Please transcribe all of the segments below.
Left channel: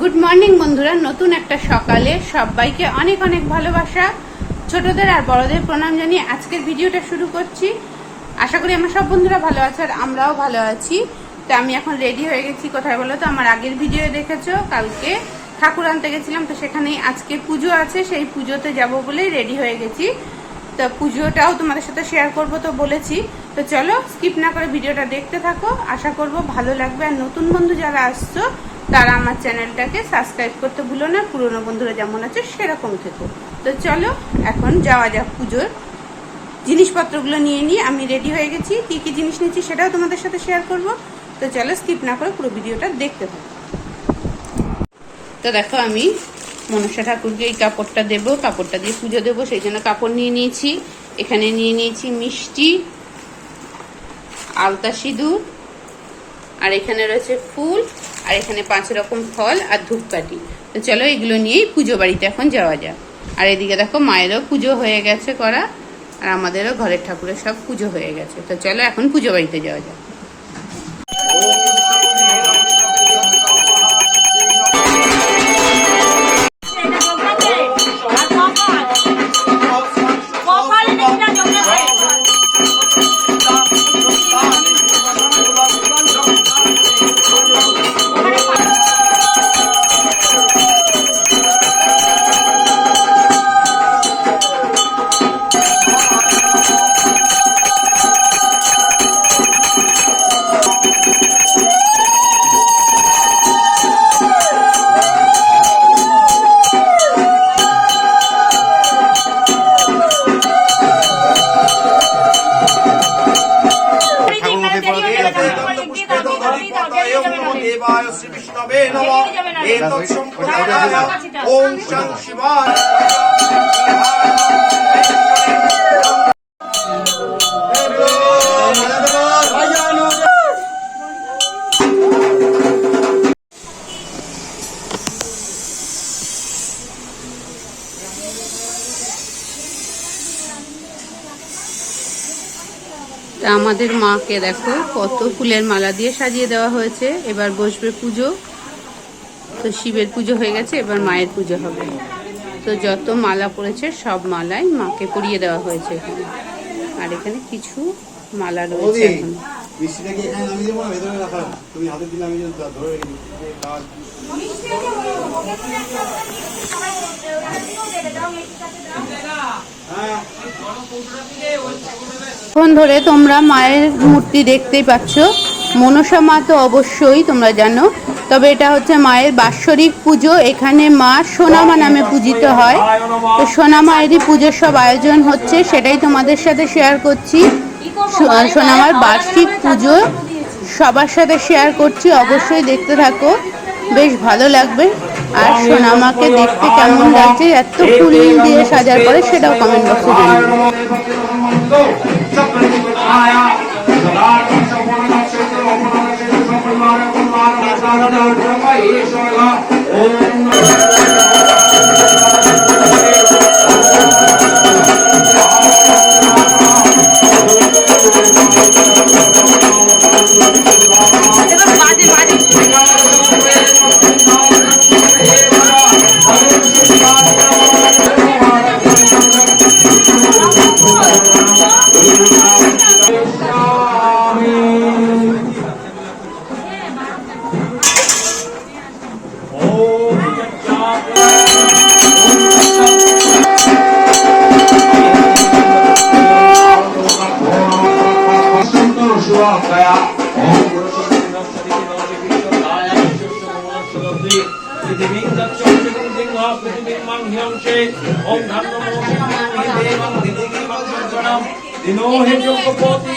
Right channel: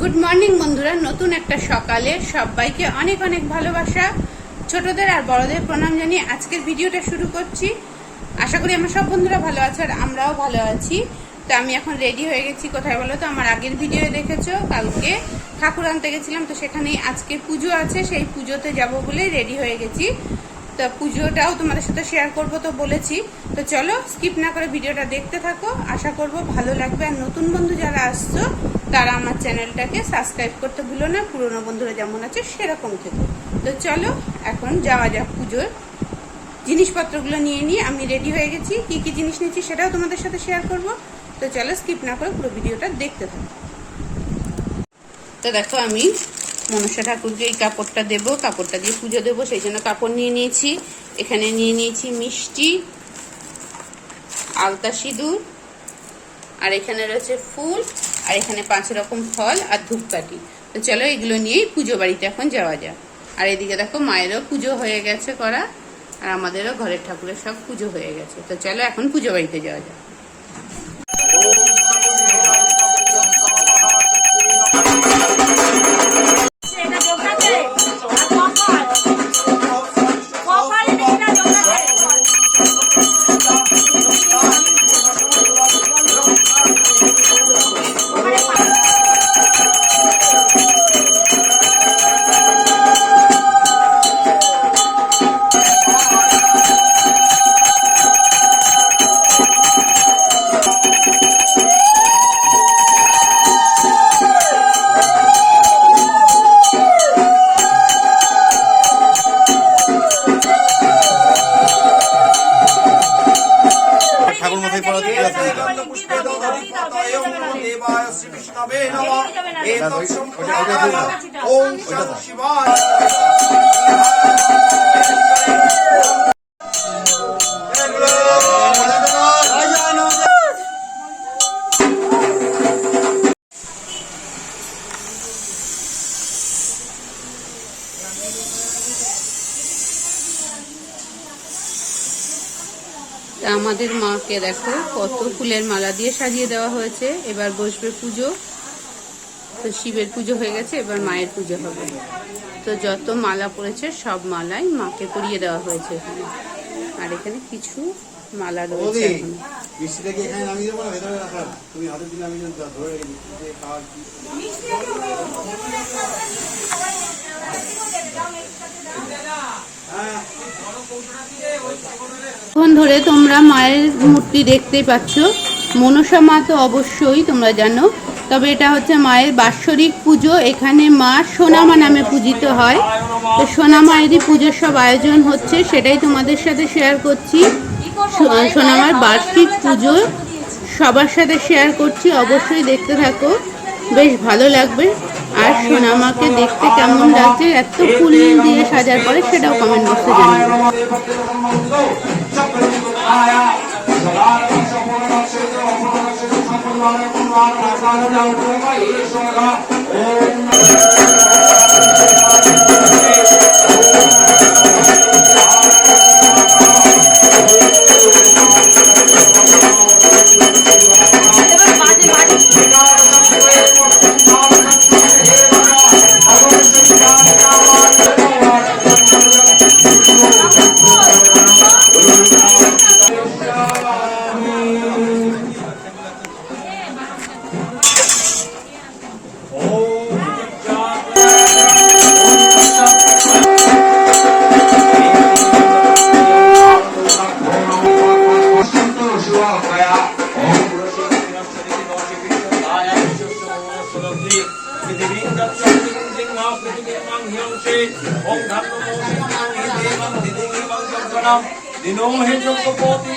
Good morning বন্ধুরা। নতুন একটা সকালে সবাইকে অনেক অনেক ভালোবাসা। ছোটদের আর বড়দের প্রণাম জানিয়ে আজকের ভিডিওটা শুরু করছি। আশা করি আমার সব বন্ধুরা ভালো আছে আর আমরাও ভালো আছি। তো আমি এখন রেডি হয়ে গেছি। কোথায় বলো তো? আমার আগের ভিডিও দেখেছ? কালকে ঠাকুর আনতে গেছিলাম, তো সেখানেই আজকে পুজো আছে। সেই পুজোতে যাব বলে রেডি হয়ে গেছি। তো পুজোটাও তোমাদের সাথে শেয়ার করব তো বলেছি। তো চলো স্কিপ না করে ভিডিওটা দেখতে থাকো। আশা করব ভালো লাগবে। আর নতুন বন্ধু যারা আসছো, তারা আমার চ্যানেলটাকে সাবস্ক্রাইব করতে ভুলো না। পুরনো বন্ধুরা যেমন আছে, সেরকম থেকো। তো চলো, এখন যাওয়া যাক পুজোর জিনিসপত্রগুলো নিয়ে নিয়ে। আমি রেডি হয়ে গেছি। কি কি জিনিস নিচ্ছি সেটাও তোমাদের সাথে শেয়ার করব। তো চলো স্কিপ না করে পুরো ভিডিওটা দেখতে থাকো। তো দেখো, আমি মনসা ঠাকুরকে এই কাপড়টা দেব, কাপড়টা দিয়ে পুজো দেবো, সেই জন্য কাপড় নিয়ে নিয়েছি। এখানে নিয়ে নিয়েছি মিষ্টি, আলতা সিঁদুর, আর এখানে রয়েছে ফুল, আর এখানে পাঁচ রকম ফল আর ধূপকাঠি। তো চলো এগুলো নিয়েই পুজো বাড়িতে এখন যাওয়া যাক। আর এদিকে দেখো মায়েরও পুজো হয়ে গেছে করা, আর আমাদেরও ঘরের ঠাকুরের সব পুজো হয়ে গেছে। তো চলো এখন পুজো বাড়িতে যাওয়া যাক। ওম শিবায় আমাদের মাকে দেখো কত ফুলের মালা দিয়ে সাজিয়ে দেওয়া হয়েছে। এবার বসবে পুজো। তো শিবের পুজো হয়ে গেছে এবার মায়ের পুজো হবে। তো যত মালা পড়েছে সব মালাই মাকে পরিয়ে দেওয়া হয়েছে এখানে। আর এখানে কিছু মালা রয়েছে? এখন ধরে তোমরা মায়ের মূর্তি দেখতেই পাচ্ছ। মনসা মা তো অবশ্যই তোমরা জানো তবে এটা হচ্ছে মায়ের বাৎসরিক পুজো এখানে মা সোনামা নামে পূজিত হয় তো সোনা মায়েরই পুজোর সব আয়োজন হচ্ছে সেটাই তোমাদের সাথে শেয়ার করছি সোনামার বার্ষিক পুজো সবার সাথে শেয়ার করছি অবশ্যই দেখতে থাকো বেশ ভালো লাগবে আর সোনামাকে দেখতে কেমন লাগছে এত ফুল দিয়ে সাজার পরে সেটাও কমেন্ট বক্সে জানাবে এবার দিনো হে যোগ্যপতি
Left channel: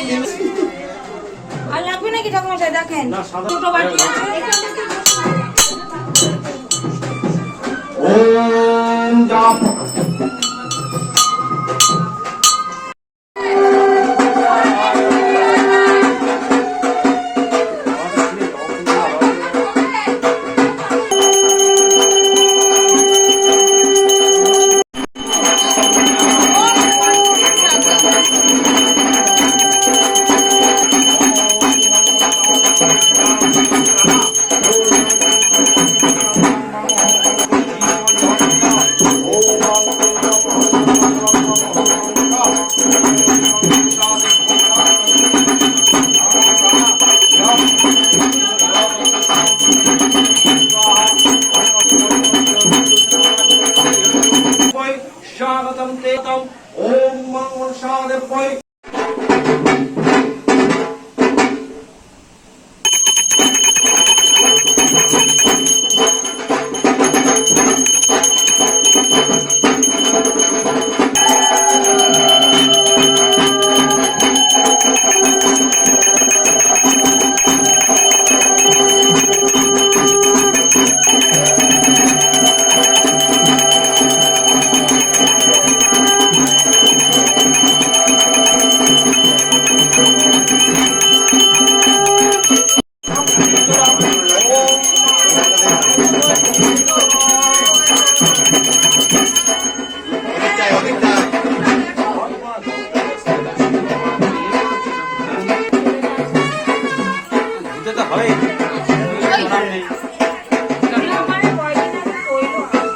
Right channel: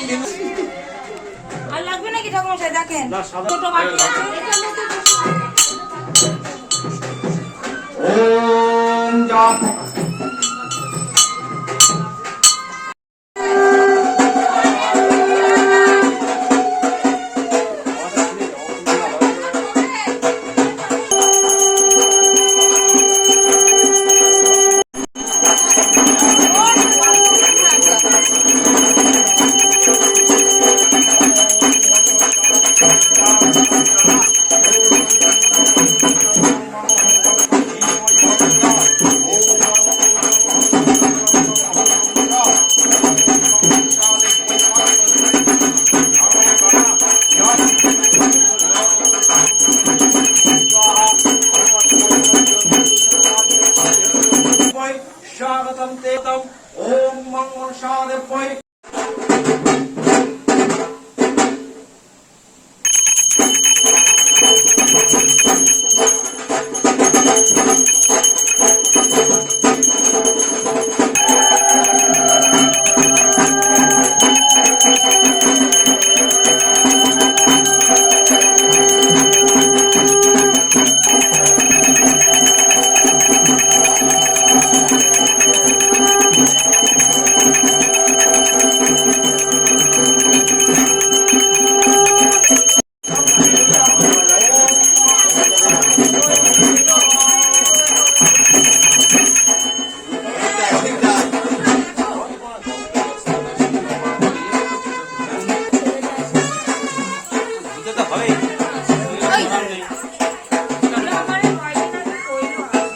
আর লাগবে নাকি ঠাকুর দেখেন। ছোট বাটি আছে। ওম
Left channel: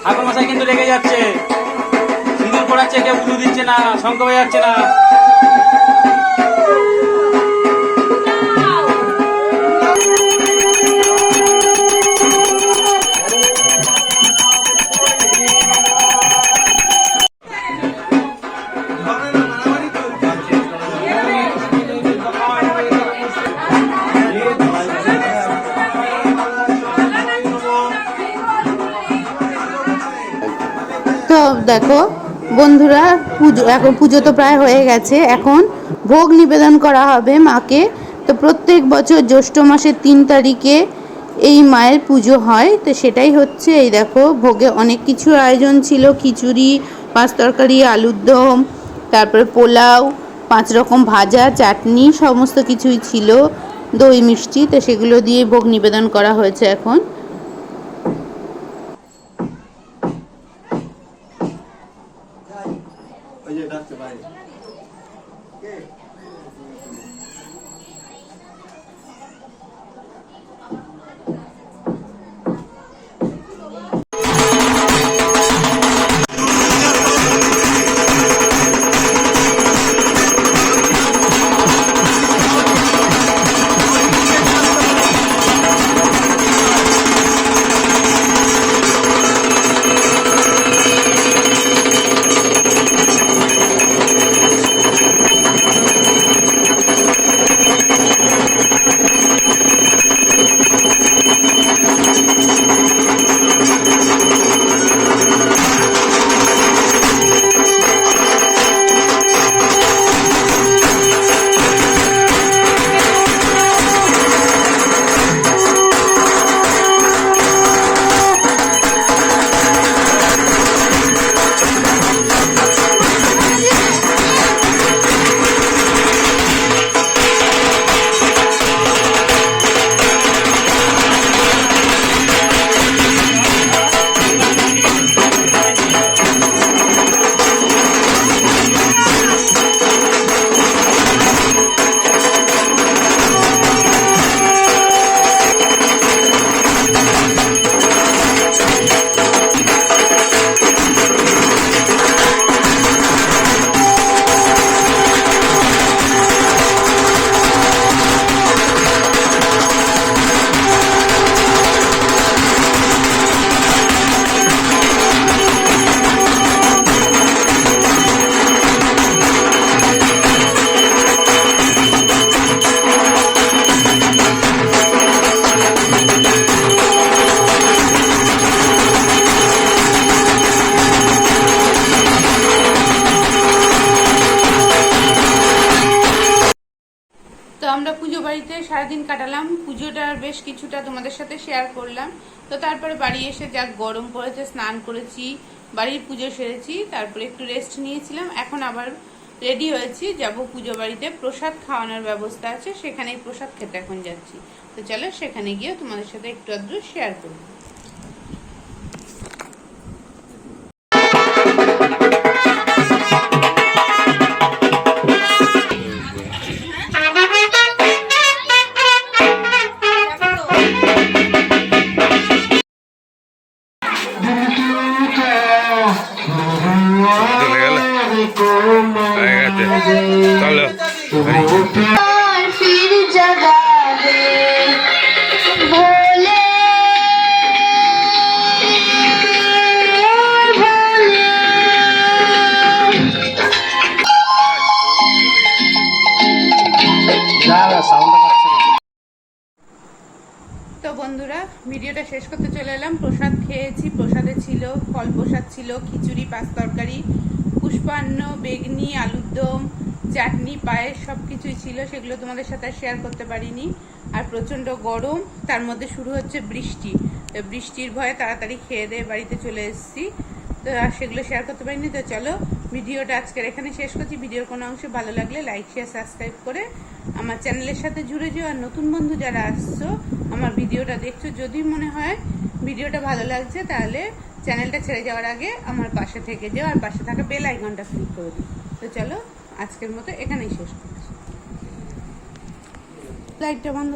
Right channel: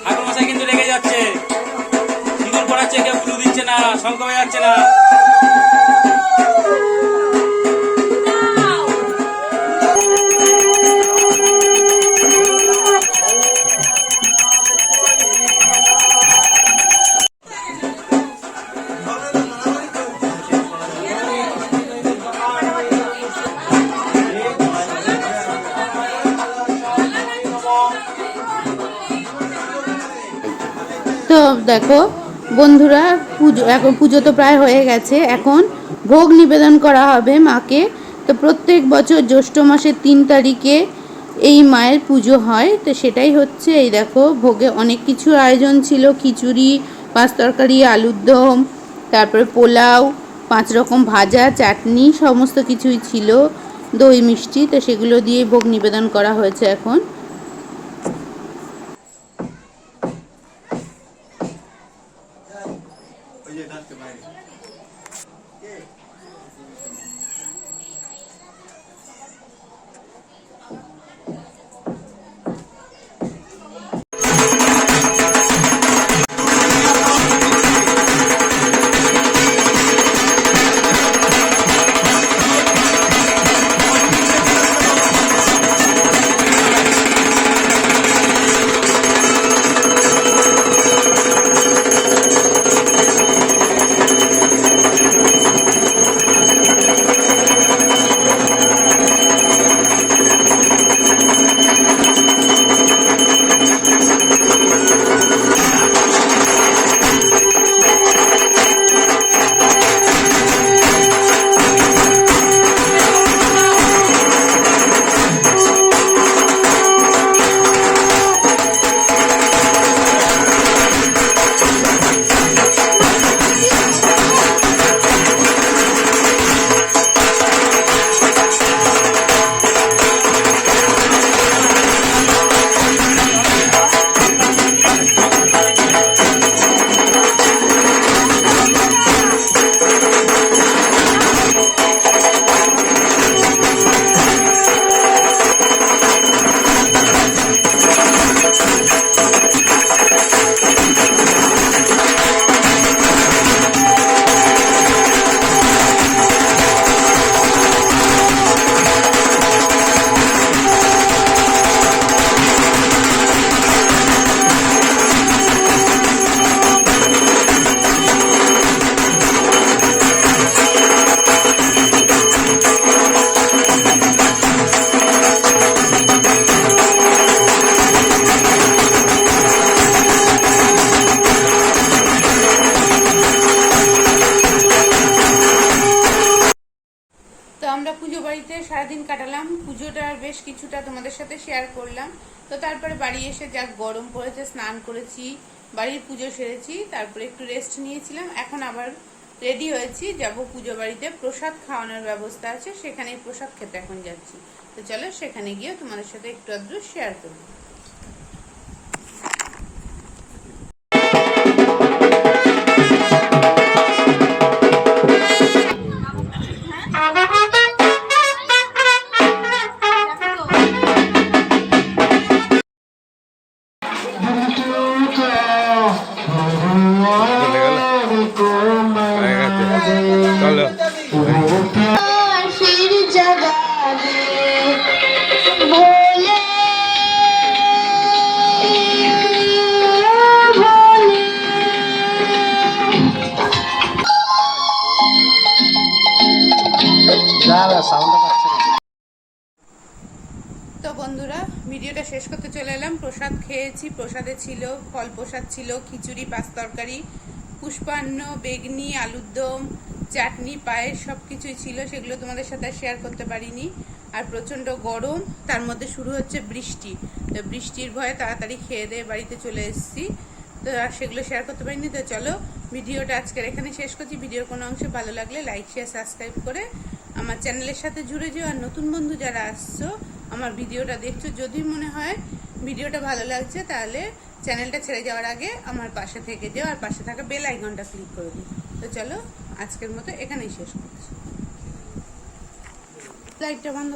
ঠাকুর মশাই কিন্তু রেগে যাচ্ছে। সিঁদুর পড়াচ্ছে, কেউ পুজো দিচ্ছে না, শঙ্খ হয়ে যাচ্ছে না। দেখো। বন্ধুরা, পুজো, এখন পুজো তো প্রায় হয়ে গেছে। এখন ভোগ নিবেদন করা হবে মাকে। তো প্রত্যেক বছর জ্যৈষ্ঠ মাসের তিন তারিখে এই মায়ের পুজো হয়। তো সেটাই হচ্ছে, এই দেখো, ভোগে অনেক কিছু আয়োজন ছিল। খিচুড়ি, পাঁচ তরকারি, আলুর দম, তারপরে পোলাও, পাঁচ রকম ভাজা, চাটনি, সমস্ত কিছুই ছিল। দই, মিষ্টি, তো সেগুলো দিয়ে ভোগ নিবেদন করা হয়েছে এখন। পুজো বাড়িতে সারাদিন কাটালাম। পুজোটার বেশ কিছুটা তোমাদের সাথে শেয়ার করলাম। তো তারপরে বাড়ি এসে যা গরম পড়েছে, স্নান করেছি, বাড়ির পুজো সেরেছি, তারপরে একটু রেস্ট নিয়েছিলাম। এখন আবার রেডি হয়েছি, যাব পুজো বাড়িতে। প্রসাদ খাওয়ানোর ব্যবস্থা আছে, সেখানেই প্রসাদ খেতে এখন যাচ্ছি। তো চলো সেখানে গিয়ে তোমাদের সাথে একটু আধটু শেয়ার করব। চলে শেষ করতে চলে এলাম। প্রসাদ খেয়েছি। প্রসাদে ছিল ফল প্রসাদ ছিল, খিচুড়ি, পাঁচ তরকারি, পুষ্পান্ন, বেগনি, আলুর দম, চাটনি, পায়েস সব কিছুই ছিল। সেগুলো তোমাদের সাথে শেয়ার করতে পারিনি। আর প্রচণ্ড গরম। তার মধ্যে শুরু হচ্ছে বৃষ্টি। তো বৃষ্টির ভয়ে তাড়াতাড়ি খেয়ে দিয়ে বাড়িতে চলে এসেছি। তো আর সেগুলো শেয়ার করতে পারিনি। তো চলো, ভিডিওটা আজকের এখানে শেষ করছি। ভিডিওর কোনো অংশ ভালো লাগলে লাইক শেয়ার সাবস্ক্রাইব করে আমার চ্যানেলের সাথে জুড়ে যেও। আর নতুন বন্ধু যারা আসছো আমার ভিডিওটা দেখছ যদি মনে হয় ভিডিওটা ভালো লাগছে, তাহলে চ্যানেলটা ছেড়ে যাওয়ার আগে আমার পাশে থেকে যেও, আর পাশে থাকা বেল আইকনটা ক্লিক করে দিই তো চলো, আজকের মতো এখানেই শেষ করছি লাইটটা বন্ধ।